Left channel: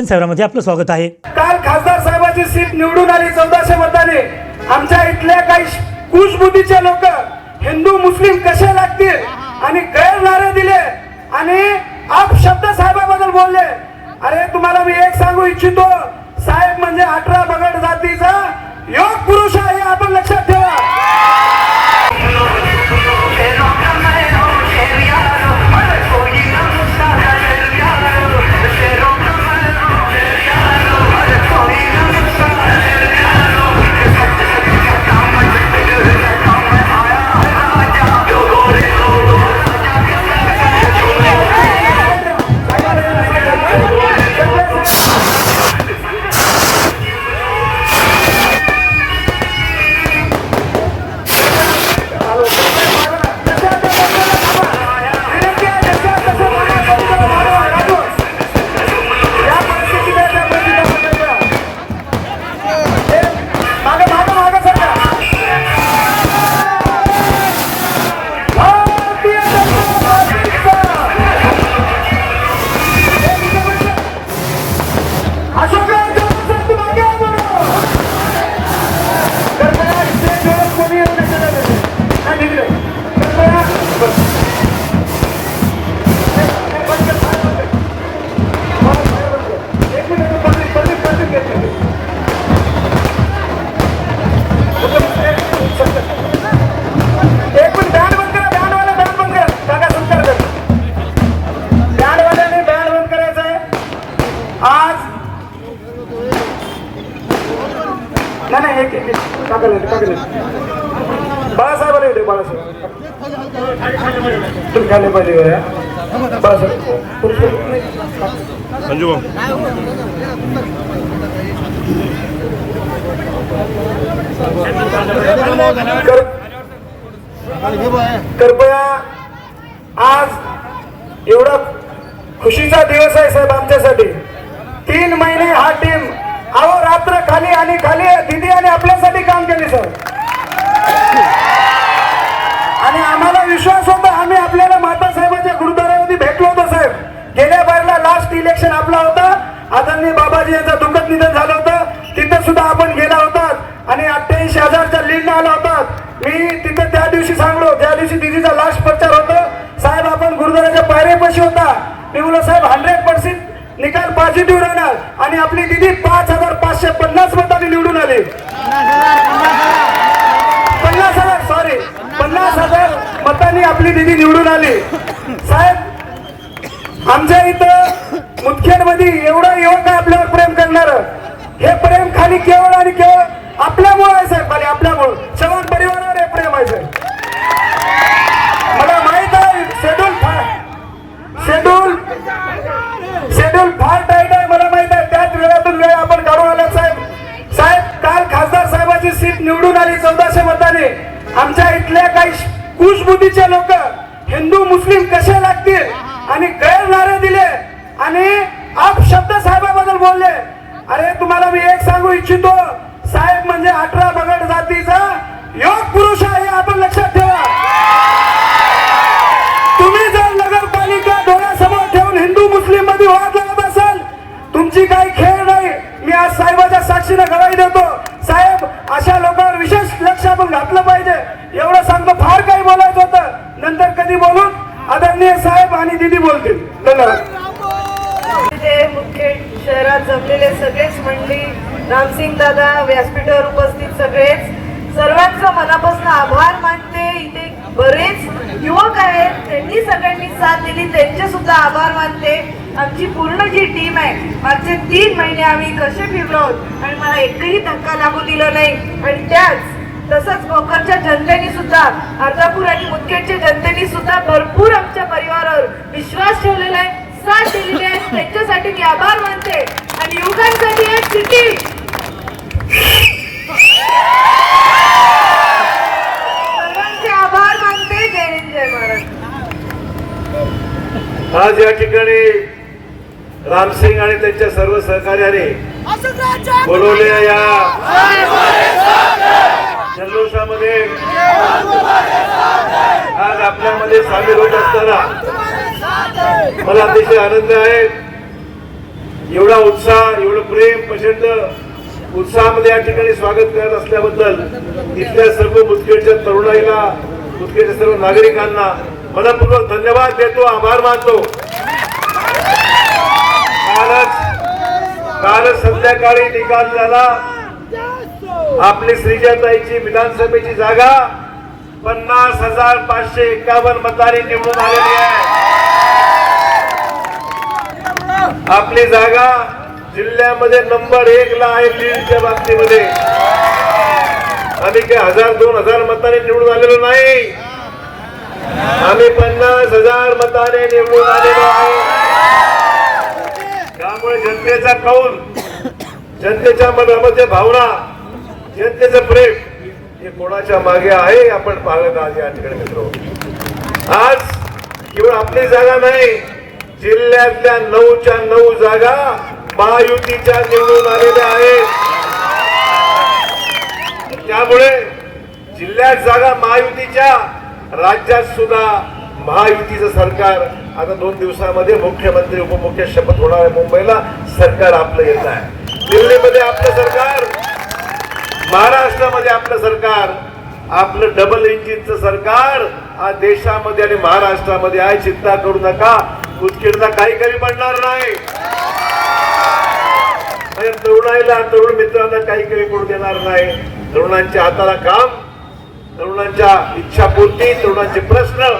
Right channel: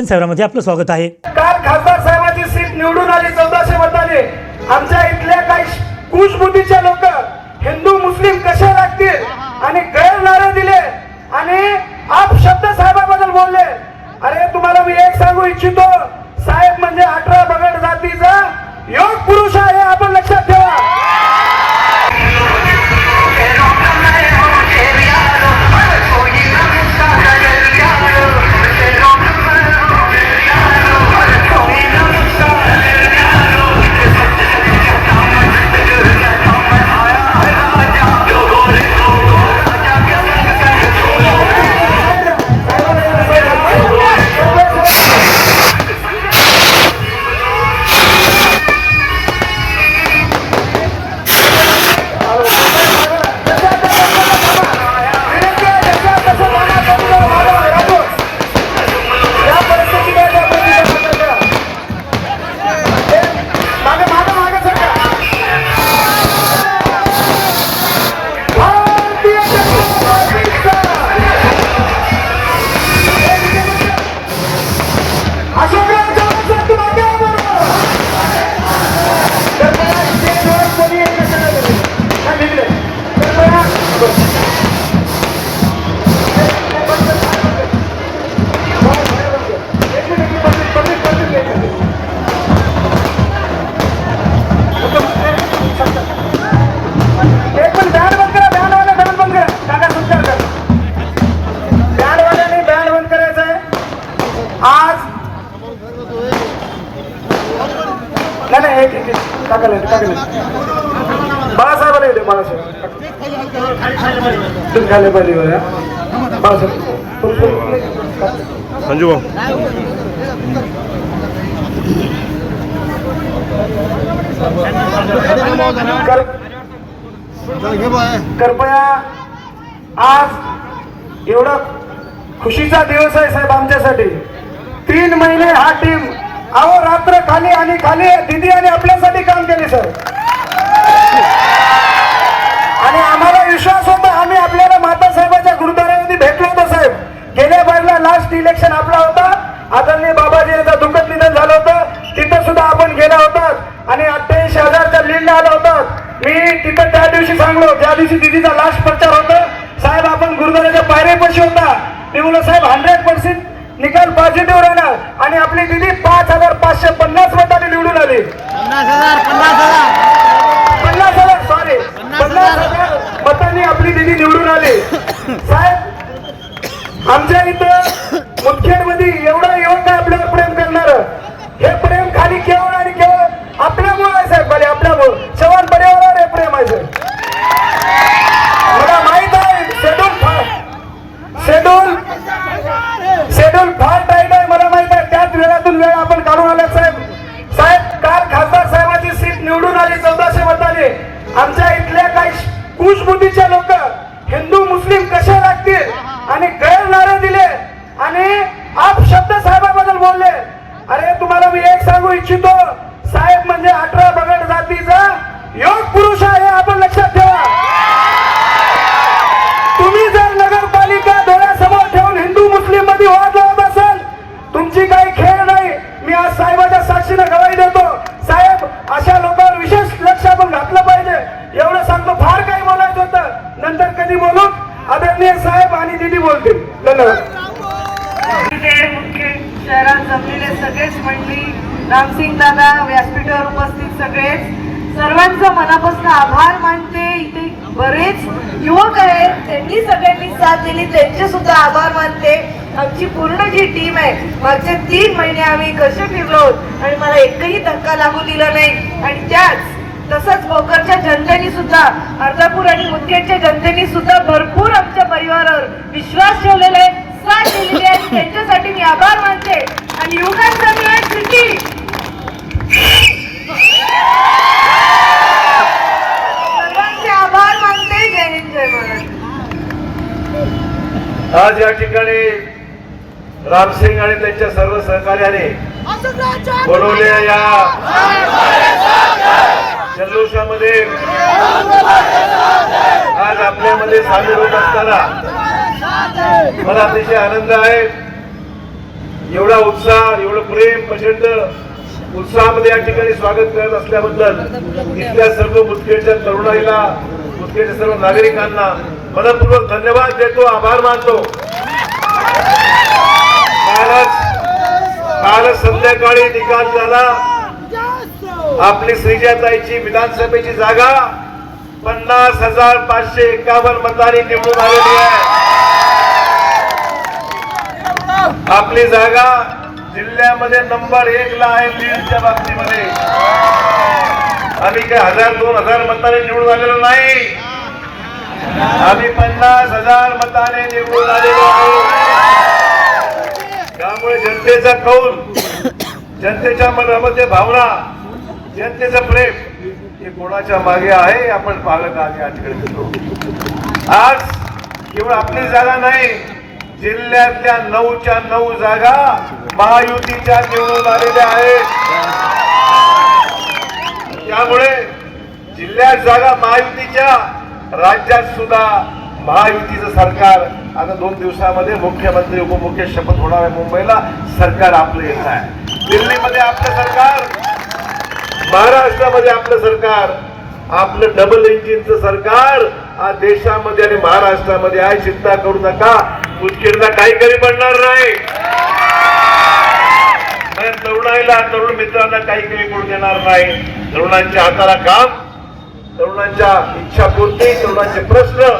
दर्शन सेवरामध्ये आपलं स्वागत आहे. काल खासदार साहेबांची सीट निवडून आली चौदाशे मताने. आमच्या इथले काही कुशबुद्धीचे लोक हिंदू मुस्लिम कसे लागतील? आणि गैर नारे दिले. आणि आप शब्द साहेबाबद्दल बोलले. अरे तुम्हाला मी एक सांगू इच्छितो. साहेब म्हणजे अठरा बगड जातीचा योग पुरुष आहे आपण लक्षात ठेवा. खाली पाहिजे संजू कृपया आज एवढा खुशीचा दिवस आहे साहेब आमच्यासाठी. तीन महिने हा टीम अहो रात्र खाली आणि खाली. दिदी आणि आपल्यासाठी काम केले सर विश्वास होता आम्ही आपल्याला माता साहेबांच्या गुरुद्वारामध्ये भेटलो होतो साहेब. गेल्या बाजूला लास्ट इलेक्शन आपला होता. आदरणीय बाबाजी यांचा दुःखद निधन झालं होतं. तिथे सुद्धा आपण गेला होतात आणि अठ्ठ्याऐंशी हजारच्या लीड आला होतात मी तिथं त्या दिवशी सांगलो ज्या दिवशी दिदीचा लास्ट प्रचार होता साहेब आपण गुरुद्वाराच्या पायऱ्यापाशी होता. मी बोललो साहेब हंड्रेड पर्सेंट निकाल पॉझिटिव्ह राहणार. आणि आपली दिदी पाच हजार पाचशे पन्नास मतांनी निवडून आली पन्नास हजार सॉरी पन्नास हजार मतांनी आपली दिदी निवडून आली. साहेब आमच्या इथं मुख्यमंत्री एवढा येऊन काय आपल्यावर प्रेम करणार. हे प्रेम खाली केवळ आणि केवळ आपल्यामुळे आहे साहेब भले आपल्यामुळे चव्हाण परिवारावर हे प्रेम आहे साहेब. मला माहीत आहे शेड्यूल शेड्यूल शेड्यूल फार टाईट आहे मला माहीत आहे. त्याच वेळातून वेळ आपण काढून आला साहेब. साहेब काल खासदार साहेबांची सीट निवडून आली चौदाशे मताने. आमच्या इथल्या काही कुशबुद्धीचे लोक हिंदू मुस्लिम कसे लागतील? आणि गैर नारे दिले. आणि आप शब्द साहेबाबद्दल बोलले. अरे तुम्हाला मी एक सांगू इच्छितो. साहेब म्हणजे अठरा बगड जातीचा योग पुरुष आहे आपण लक्षात ठेवा. तुम्ही जर नगरपालिका डोळ्यासमोर ठेवून हिंदू मुस्लिममध्ये वाद लावत असाल तुमची काही खेळ नाही. मी आज साहेबाच्या साक्षीने गवाही देतो. साहेब अशा लोकांवर विशेष लक्ष आपण घातलं पाहिजे. एवढं सांगतो फार काही बोलायचं होतं. नंतर कधी बोलून आदरणीय साहेब आणि दिदी बोलतील. धन्यवाद. इथे मुख्य शहरात जमलेले सगळेच मंडळी रामसिंग दादा व्यासपीठावर उपस्थित सगळेच. सर्वांचा मनापासून आभार मानते. इथे बरेच युवक आहेत. त्यांनी सगळ्यांनी साथ दिली. त्यांचे सुद्धा आभार मानते. आमची पूर्ण जी टीम आहे मागचे तीन महिने आम्ही कसे फिरलो आणि मला एकही धक्का लागू दिला नाही. आणि त्याच तसंच भोकरच्या जनतेने सुद्धा अर्धापूर आणि मुदखेडच्या जनतेने सुद्धा भरपूर आमच्या परिवारावर विश्वास ठेवलेला आहे. साथ दिलेली आहे. आणि त्यांच्यासाठी मी आभार मानते. आणि युवकांसाठी आहे सिटी सर्वांचे आभार मानते. जय हिंद जय महाराष्ट्र. आज या ठिकाणी रामसिंग आणि त्यांच्या सर्व सहकार्याने बनवलेल्या या जल्लोषामध्ये आज आपल्यामध्ये सामील होत असताना मला अतिशय आनंद आहे. एवढा उत्साह एवढं प्रेम प्रचंड उत्साहामध्ये या ठिकाणी स्वागत करत असल्याबद्दल इथल्या सर्व मुदखेडच्या तरुणाईला मुदखेडच्या सर्व नागरिकांना मनपूर्वक धन्यवाद देतो आभार मानतो. कालच कालच संध्याकाळी निकाल झाला. आपली श्रीजाताईची विधानसभेची जागा पन्नास हजार पाचशे एकावन्न मतांनी निवडून आलेली आहे. आपली जागा जिल्ह्यामध्ये नंबर एक ला आहे बीडच्या बाबतीमध्ये. आम्ही काय हजार दोन हजार मताने निवडून आलेलो नाही. आम्ही पन्नास हजार मताने निवडून आलेलो आहोत त्यामुळे जनतेचा कौल जनतेच्या मनामध्ये भावना जनतेचं प्रेम हे कोणाच्या मागे आहे आपण पालक आज या ठिकाणी आज केवळ आपली जागा नाही जिल्ह्यातल्या नऊच्या नऊ जागा महायुतीच्या निवडून आलेल्या आहेत. त्यामुळे जिल्ह्यात जागा महायुतीच्या राज्यात सुद्धा महायुतीचं सरकार आता दोन दिवसामध्ये मुख्यमंत्री उपमुख्य शपथ होणार आहे मुंबईला. सरकार आपलं येत आहे. दिल्लीमध्ये आपलं सरकार महाराष्ट्रामध्ये आपलं सरकार आपलं डबल इंजिनचं सरकार आज देशामध्ये आणि महाराष्ट्रामध्ये आहे चिंता करू नका. उचकिरला काही कमी पडणार नाही. तरुणाईला तरुण मित्रांना काही कमी पडू देणार नाही. तरुणांच्या हाताला काम तरुणांच्या इच्छा पूर्ती तरुणांचे प्रश्न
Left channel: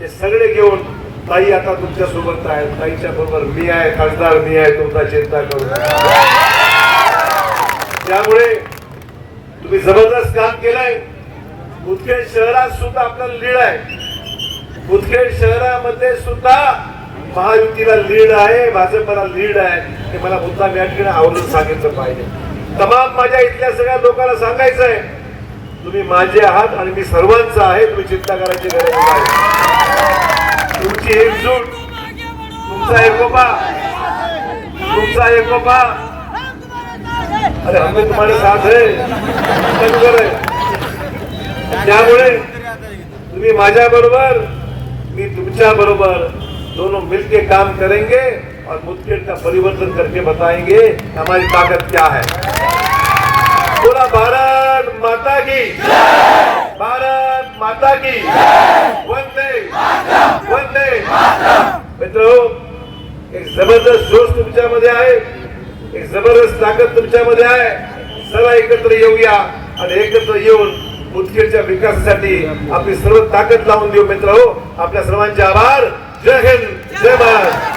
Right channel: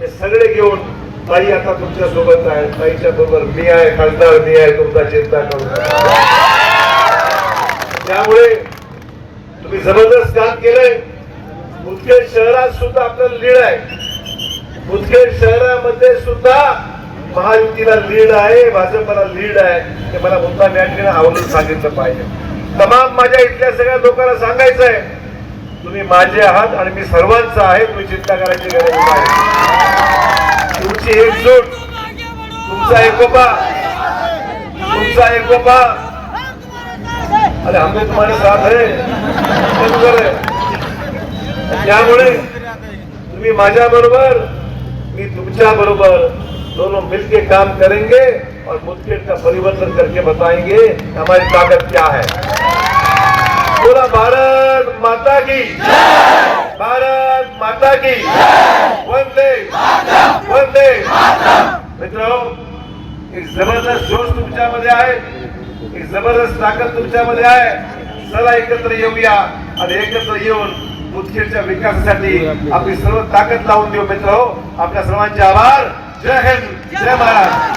हे सगळे घेऊन ताई आता तुमच्यासोबत आहे ताईच्या बरोबर मी आहे खासदार मी आहे तुमचा चिंता करू नका. त्यामुळे तुम्ही जबरदस्त काम केलंय. मुदखेड शहरात सुद्धा आपल्याला लीड आहे. मुदखेड शहरामध्ये सुद्धा महायुतीला लीड आहे भाजपला लीड आहे. हे मला मुद्दा या आवडून सांगितलं पाहिजे. तमाम माझ्या इथल्या सगळ्या लोकांना सांगायचं आहे तुम्ही माझे आहात आणि मी सर्वांचा आहे तुम्ही चिंता करायची गरज नाही. तुमची एकजूट तुमचा एकोपा तुमचा एकोपा अरे हमने तुम्हारे साथ है। हम बरोबर, मी तुमच्या बरोबर। दोनों मिलके काम करेंगे और मुदखेड़ का परिवर्तन करके बताएँगे हमारी ताकत क्या है। पूरा भारत माता की। भारत माता की। वंदे। वंदे। मित्रो, एक ज़बरदस्त जोश तुमच्यामध्ये आहे. जबरदस्त ताकद तुमच्यामध्ये आहे. चला एकत्र येऊया आणि एकत्र येऊन मुदखेडच्या विकासासाठी आपली सर्व ताकद लावून देऊ मित्र हो. आपल्या सर्वांचे आभार. जय हिंद. जय महाराज